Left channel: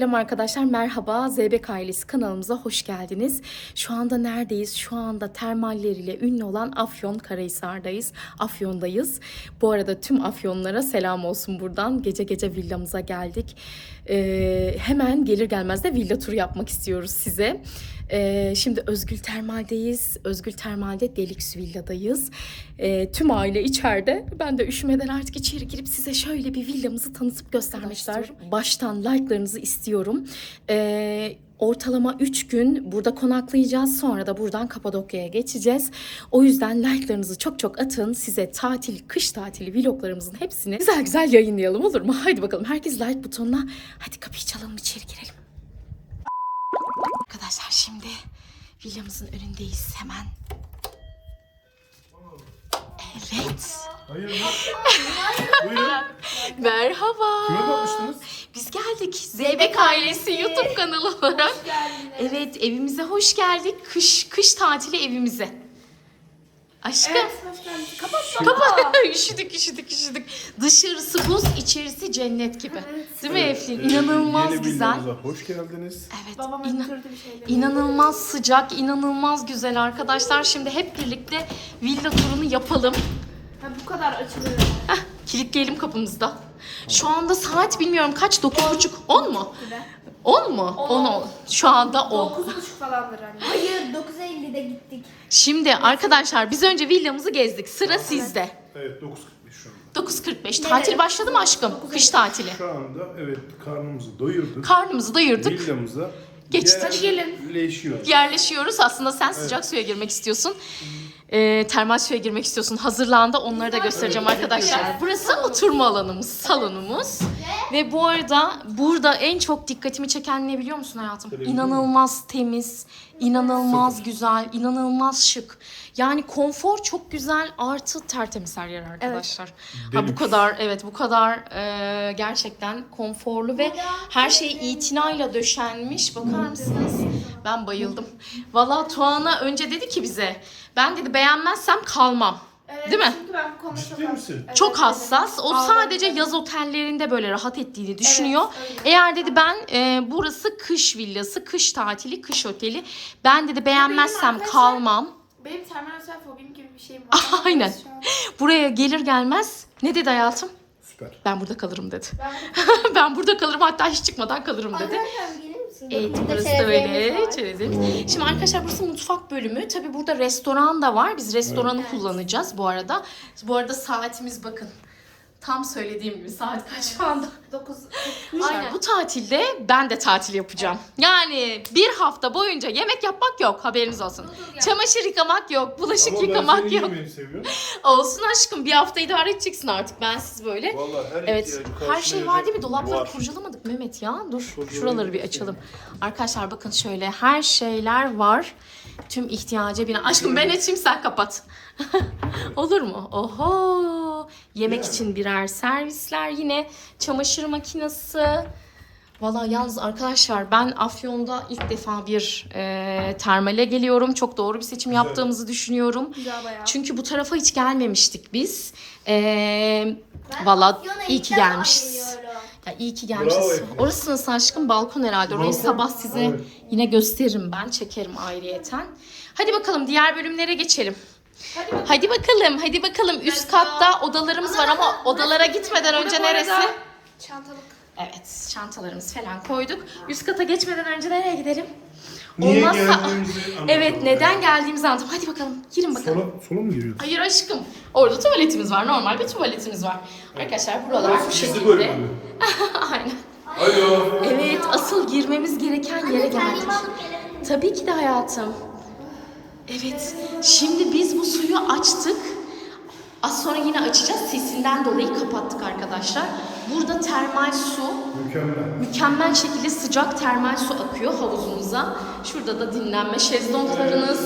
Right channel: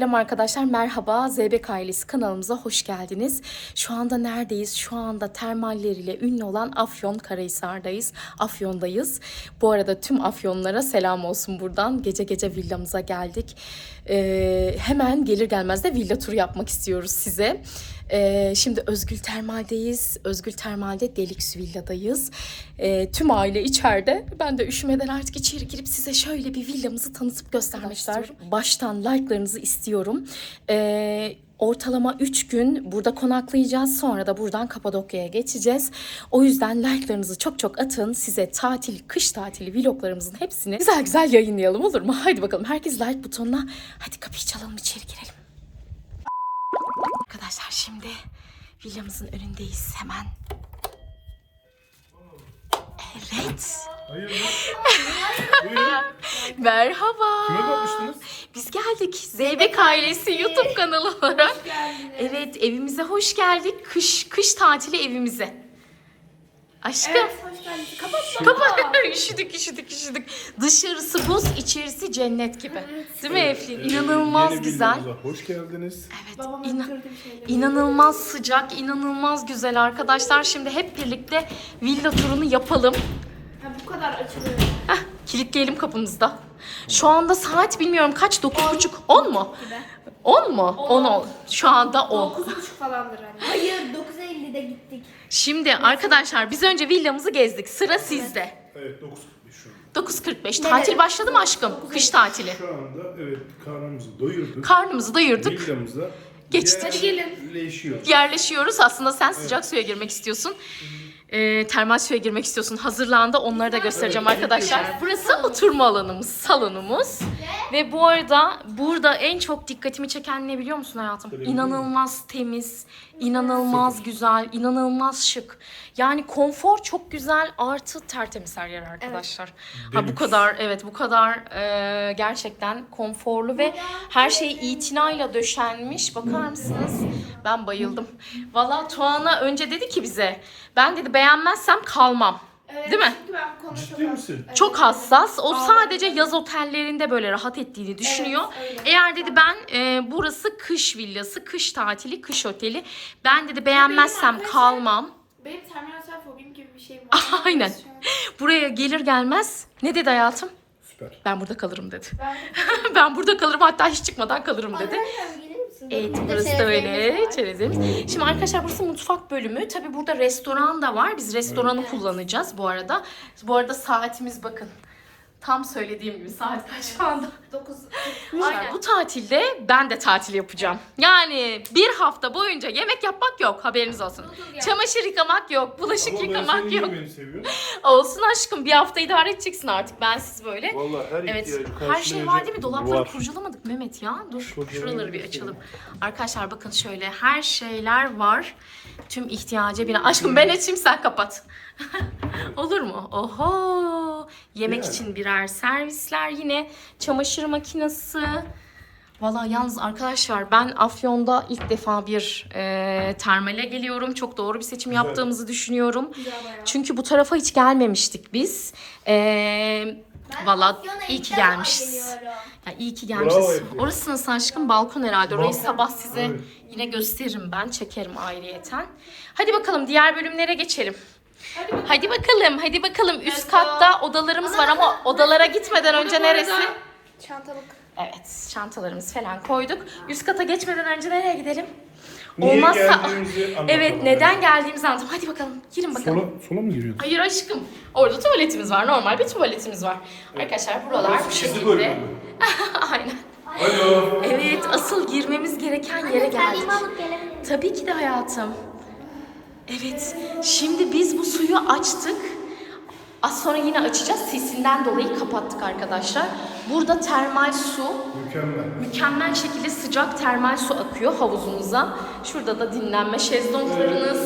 Selam arkadaşlar. Merhaba. Zeybek ailesi kanalımıza hoş geldiniz. Şu anda neredeyiz? Şu anda termalleriyle ünlü olan Afyon Karahisar'dayız. Afyon'dayız. Bu arada tüm Afyonlara selam olsun buradan. Gece gece villamıza geldik. Ee, hemen gelir gelmez de villa turu yapmak istiyoruz size. Ee, şimdi Özgül Termal'deyiz. Özgül Termal'de Deluxe Villa'dayız. Ee, tüm aile içeride. Ben de üşümeden artık içeri girip size şöyle bir villamızı tanıtıp göstermek istiyorum. Baştan like'larınızı istiyorum. Ee, ortalama 3 gün burada konaklayacağız. Sonra da buradan Kapadokya'ya geçeceğiz. O yüzden like'larınızı çok çok atın. Size tatil, kış tatili vloglarımızın hepsini güzel güzel yayınlayalım olur mu? Haydi bakalım herkes like butonuna. Hadi kapıyı çalalım içeri girelim. Arkadaşlar şimdi villamızın önündeyiz hemen. Evet. Hayırdır? Buyurun. Merhaba. Kime bakmıştınız? Biz geldik. Zeybek ailesi YouTube kanalı olarak. Evet evimize hoş geldik. Kış kış tatili evimize. Aşkım. hoş geldiniz. Kapat Kapat. üşüdük üşüdük üşüdük. Dışarısı buz, içerisi cennet gibi. Değil mi Eflin? İnanılmaz Yeni güzel. villamıza hoş geldiniz. Evet. Babam inan- öldürdü bir şeyleri. İnanılmaz sıcak, inanılmaz güzel arkadaşlar. Şimdi hep birlikte villa turunu yapalım. Ha, bu kadar açılıyor. Kilitleyelim kapımızda. Şu anda saat bilmiyorum kaç? 9.30. 10 mu? Gibi. 10 mu? 10 ol. Şu anda 10. 9.30 falandır anne. Hayır 9.50'de gittik. Şimdi arkadaşlar biz önce villamızı gezdik. Sıra sizde. Evet 9.45 şu anda. 9.45. Tatil başladı mı aşkım? Kış tatili. Şu anda evet karnımızı doyurduk. Karnımızı doyurduk. Villamıza Geçtik. Hadi gelin. yerleşiyoruz. Yerleşiyoruz. Aslında sen sıcak suya girmek istiyorsun. Ee, termal suya girmek istiyorsun. Hazırlandı. Onları da göstereceğim arkadaşlar. Burası oturma alanımız, salonumuz. Ve bu arada burada en çok dikkatimi çeken ne biliyor musun hayatım? İnanılmaz temiz, inanılmaz güzel, inanılmaz şık. Yani konfor çok güzel artı tertemiz her yer arkadaşlar. Ha bu Deluxe. kadar evet bu kadar e, gerçekten konforlu ve her şey itinayla döşenmiş. Bakar mısınız? Ben bayıldım. Valla Tuana önce dedi ki bize ben dedi beğenmezsem kalmam. Evet, Değil mi? Çünkü ben Ciddi konuşamam. misin? Çok hassas. O sadece yaz otellerinde böyle rahat ettiğini düşünüyor. öyle. Eğer dedi ben e, burası kış villası, kış tatili, kış oteli. Ben dedi beğenmezsem arkadaşlar- kalmam. Benim terminal fobim gibi bir şeyim var. Aynen. Buraya gelir gelmez ne dedi hayatım? Süper. Ben burada kalırım dedi. Ben... ben burada kalırım hatta hiç çıkmadan kalırım dedi. Arkadaşlar? Evet burası da çerezlerimiz öyle. var. Çerezimiz. Şimdi arkadaşlar burası mutfak bölümü. Tabi burada restoran da var. Biz restoranı kullanacağız bu arada. Bu arada saatimiz bakın. Tam söylediğim gibi saat kaç şu anda? 9. Aynen. Bu tatilde ben de tatil yapacağım. Yani bir hafta boyunca yemek yapmak yok haberiniz olsun. Çamaşır yıkamak yok, bulaşık Ama ben yıkamak seni yok. seviyorum. Olsun aşkım bir hafta idare edeceksin artık ben siz böyle. Vallahi her Evet ihtiyacı her şey var değil mi? Dolapları kurcalamadık Mehmet ya. Dur Kurcalayalım. şuraları bir açalım. Arkadaşlar bakın şöyle her şeyler var. Tüm ihtiyaca bina. Aşkım ben açayım sen kapat. Olur mu? Oho. Yemek mi? için birer servisler yine. Çamaşır makinesi. Valla yalnız arkadaşlar ben Afyon'da ilk defa bir e, termale geliyorum. Çok doğru bir seçim Güzel. yaptığımızı düşünüyorum. Güzel bayağı. Çünkü bu tarafa hiç gelmemiştik biz. Ee, Valla iyi ki gelmişiz. Ya iyi ki gelmişiz. Orası nasıl aşkım? Balkon herhalde. Orayı Balkon. sabah size Evet. yine gösteririm ben. Çekerim ayrıyeten. Hadi bakalım diğer bölümlere geçelim. Hadi bakalım. Hadi bakalım, hadi bakalım. Üst katta odalarımız var ama odalara gitmeden önce neresi? Çantalık. Evet, çantalarımız falan koyduk. Üst kata geçmeden önce nereye gidelim? Niye Olmazsa... geldiğimizi anlatalım. Evet, neden geldiğimizi anlatalım. Hadi bakalım, girin bakalım. Sola, sola mı giriyorduk? Hayır aşkım. Orada tuvaletimiz var. Normal bir tuvaletimiz var. Arkadaşlar buralar bu Çizgi şekilde. bölümü. Aynen. Alo. Evet asıl girmemiz gereken yere geldik. Tabii ki de hayatım. Evet. Şimdi biz bu suyu açtık. Az sonra yine açacağız. Sesinden dolayı kapattık arkadaşlar. Burada termal su, Mükemmel. mükemmel şekilde sıcak termal su akıyor havuzumuza. Şurada da dinlenme şezlonglarınız.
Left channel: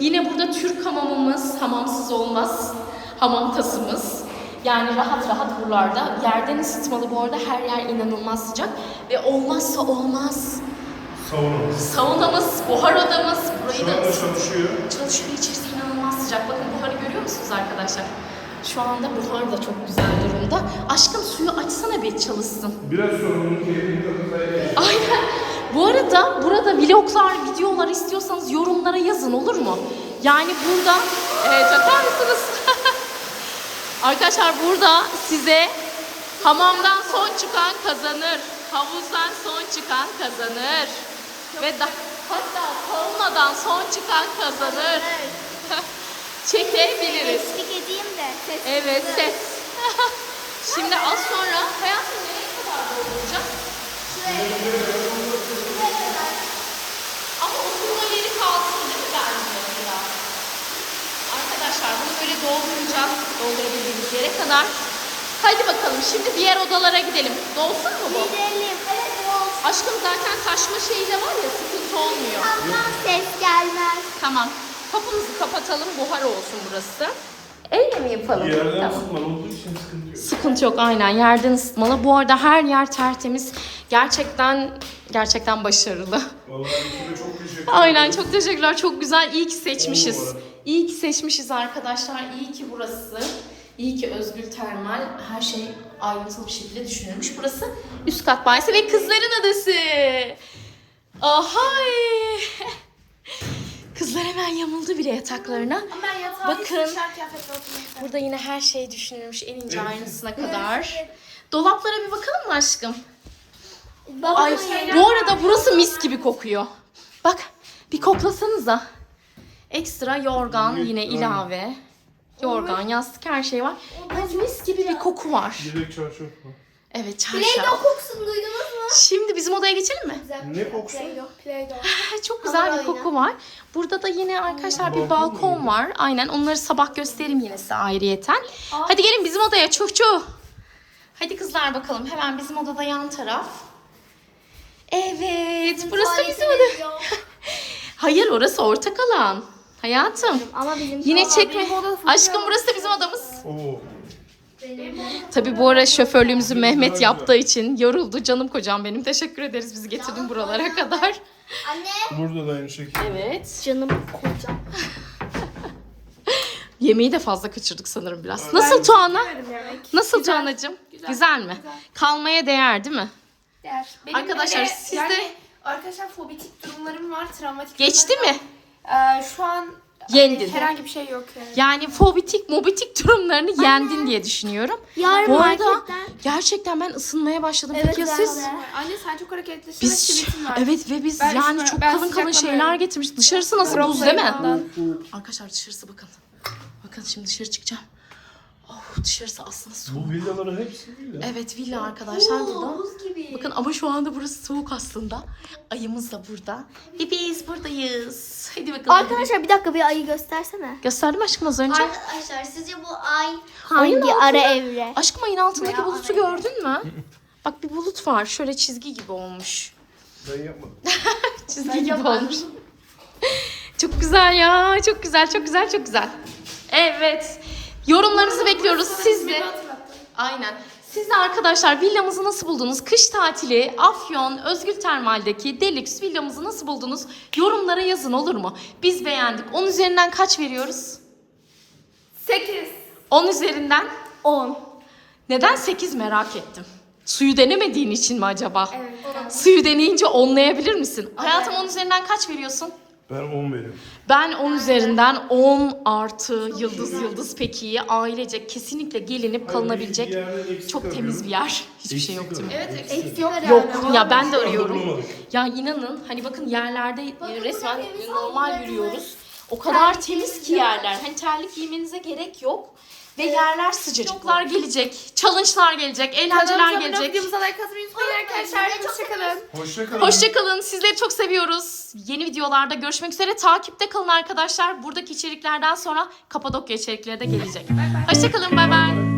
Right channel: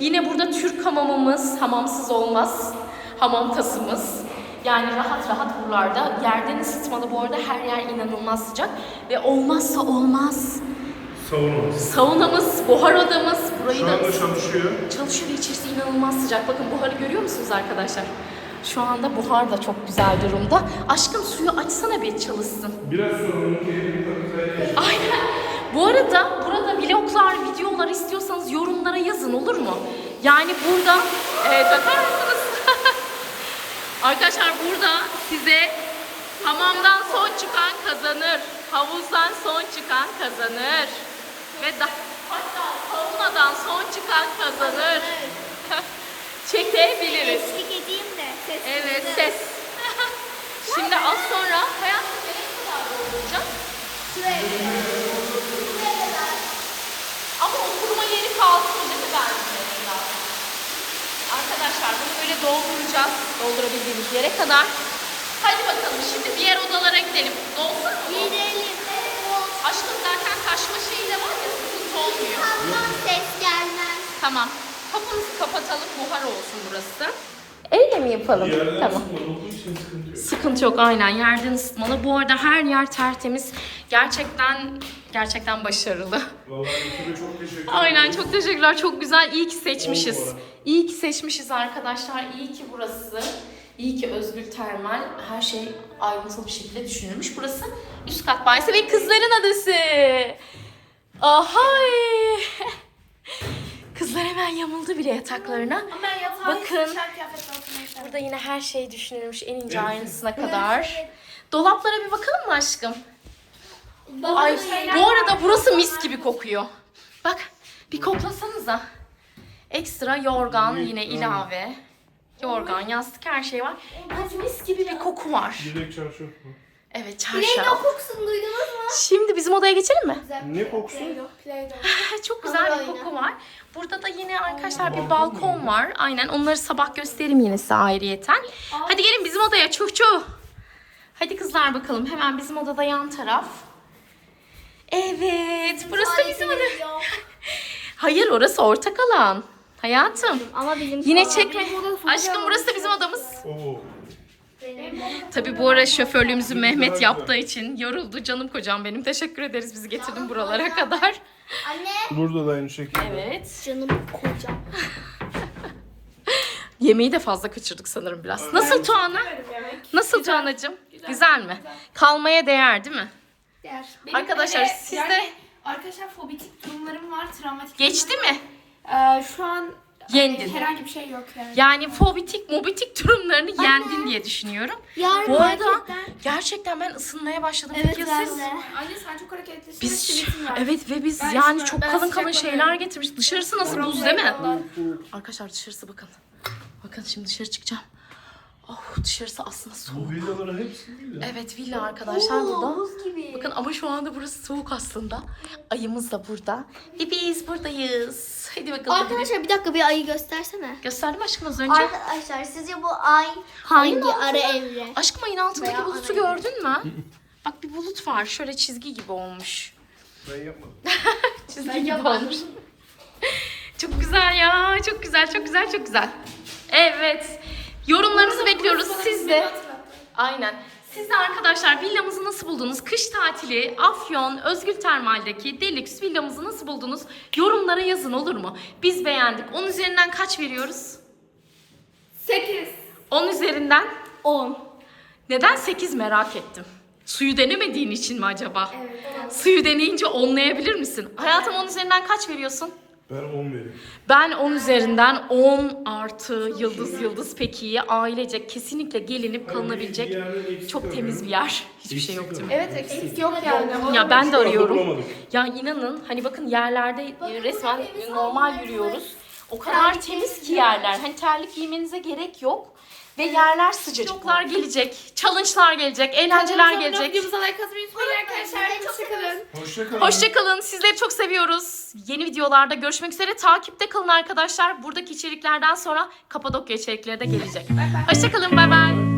Yine burada Türk hamamımız, hamamsız olmaz. Hamam tasımız. Yani rahat rahat buralarda. Yerden ısıtmalı bu arada her yer inanılmaz sıcak. Ve olmazsa olmaz. Savunumuz. Saunamız, buhar odamız. Burayı Şu da anda çalışıyor. çalışıyor. İçerisi inanılmaz sıcak. Bakın buharı görüyor musunuz arkadaşlar? Şu anda buhar da çok güzel durumda. Aşkım suyu açsana bir çalışsın. Biraz sonra onun elini takacağız. Ay arada burada vloglar, videolar istiyorsanız yorumlara yazın olur mu? Yani burada e, takar mısınız? Arkadaşlar burada size hamamdan son çıkan kazanır. Havuzdan son çıkan kazanır. Ve da, saunadan son çıkan kazanır. Çekebiliriz. Eşlik edeyim de. Ses Evet ses. Şimdi az sonra hayatım nereye kadar dolduracağız? Ama oturma yeri kalsın değil mi bence biraz? Arkadaşlar bunu böyle dolduracağız. Doldurabildiğimiz yere kadar. Hadi bakalım şimdi diğer odalara gidelim. Dolsun mu? Gidelim. Aşkım zaten taşma şeyi de var ya sıkıntı olmuyor. Ses gelmez. Tamam. Kapımızı kapatalım buhar olsun burası. Öyle mi yapalım? Yerden tamam. ısıtmalı olduğu için sıkıntı yok. Sıkıntı yok aynen yerden ısıtmalı. Bu arada her yer tertemiz. Gerçekten gerçekten başarılı. Vallahi çok teşekkür ederim. Aynen çok teşekkürler. Çok güzel. İyi ki seçmişiz. İyi ki seçmişiz arkadaşlar. İyi ki burası. İyi ki Özgül Termal her şey ayrıntılı bir şekilde düşünülmüş. Burası üst kat banyosu ve kızların adası. Ahay. Kızlar hemen yamuldu bile yataklarına. Ama ben yatağa Bakın. Burada yine her şey düşünülmüş en ince ayrıntısına kadar. Dolaplara bir bakalım mı aşkım? Ay bu arada burası mis gibi kokuyor. Bak bir koklasanıza. Ekstra yorgan yine ilave. Yorgan, yastık her şey var. Yani mis gibi bir koku var. Direkt çarşaf mı? Evet Play-Doh çarşaf. kokusunu duydunuz mu? Şimdi bizim odaya geçelim mi? Ne kokusu? Play-Doh. Play-Doh. Çok güzel bir Hamur koku var. Burada da yine arkadaşlar bir Balkon var. Aynen onları sabah gösteririm yine size ayrıyeten. Hadi gelin bizim odaya çuh çuh. Hadi kızlar bakalım hemen bizim odada yan taraf. Evet burası bizim oda. Hayır orası ortak alan. Hayatım. Ama bizim Yine çekme. Aşkım burası da bizim odamız. Oo. Tabii bu ara şoförlüğümüzü Mehmet yaptığı için yoruldu. Canım kocam benim. Teşekkür ederiz bizi getirdin buralara kadar. Anne. Burada da aynı şekilde. Evet. Canım kocam. Yemeği de fazla kaçırdık sanırım biraz. Nasıl Tuana? Nasıl Tuana'cığım? Güzel. mi? Kalmaya değer değil mi? Yer. Benim Arkadaşlar, sizde- yani arkadaşlar fobitik durumlarım var, travmatik Geçti durumlarım mi? var. Ee, şu an Yendin. herhangi bir şey yok yani. Yani fobitik, mobitik durumlarını yendin diye düşünüyorum. Yarın Bu arada marketten. gerçekten ben ısınmaya başladım. Evet, Peki ya ben siz? de. Anne sen çok hareketlisin ve Biz sivitin var. evet ve biz Ben yani çok ben kalın kalın şeyler getirmiş. Dışarısı nasıl buz değil mi? Arkadaşlar dışarısı bakın. Bakın şimdi dışarı çıkacağım. Oh dışarısı aslında soğuk. Bu villaların hepsi villa. Evet villa arkadaşlar burada. Bakın ama şu anda burası soğuk aslında. Ayımız da burada. Ve biz buradayız. Hadi bakalım. Arkadaşlar bir dakika bir ayı göstersene. Gösterdim aşkım az önce. Arkadaşlar sizce bu ay hangi ara evre? Aşkım ayın altındaki Veya bulutu gördün mü? Bak bir bulut var. Şöyle çizgi gibi olmuş. Ben yapmadım. Çizgi gibi olmuş. çok güzel ya. Çok güzel, çok güzel, çok güzel. Evet. Yorumlarınızı bekliyoruz. Siz de. Aynen. Siz de arkadaşlar villamızı nasıl buldunuz? Kış tatili Afyon Özgül Termal'deki Deluxe villamızı nasıl buldunuz? Yorumlara yazın olur mu? Biz beğendik. 10 üzerinden kaç veriyoruz? 8. 10 üzerinden 10. neden 8 merak ettim. Suyu denemediğin için mi acaba? Evet. Suyu deneyince onlayabilir misin? Hayatım 10 üzerinden kaç veriyorsun? Ben 10 veriyorum. Ben 10 üzerinden 10 artı yıldız yıldız pek iyi. Ailecek kesinlikle gelinip kalınabilecek çok temiz bir yer. Hiçbir şey yok değil mi? Evet eksik yok. Yok ya ben de anda arıyorum. Ya inanın hani bakın yerlerde resmen normal yürüyoruz. O kadar temiz ki yerler. Hani terlik giymenize gerek yok. Ve yerler sıcacıklar gelecek. Challenge'lar gelecek. Eğlenceler Kanalımıza abone olup gelecek. Videomuza like atmayı unutmayın arkadaşlar. Hoşçakalın. Hoşçakalın. Hoşçakalın. Sizleri çok seviyoruz. Yeni videolarda görüşmek üzere. Takipte kalın arkadaşlar. Buradaki içeriklerden sonra Kapadokya içerikleri de gelecek. Hoşçakalın. Bay bay.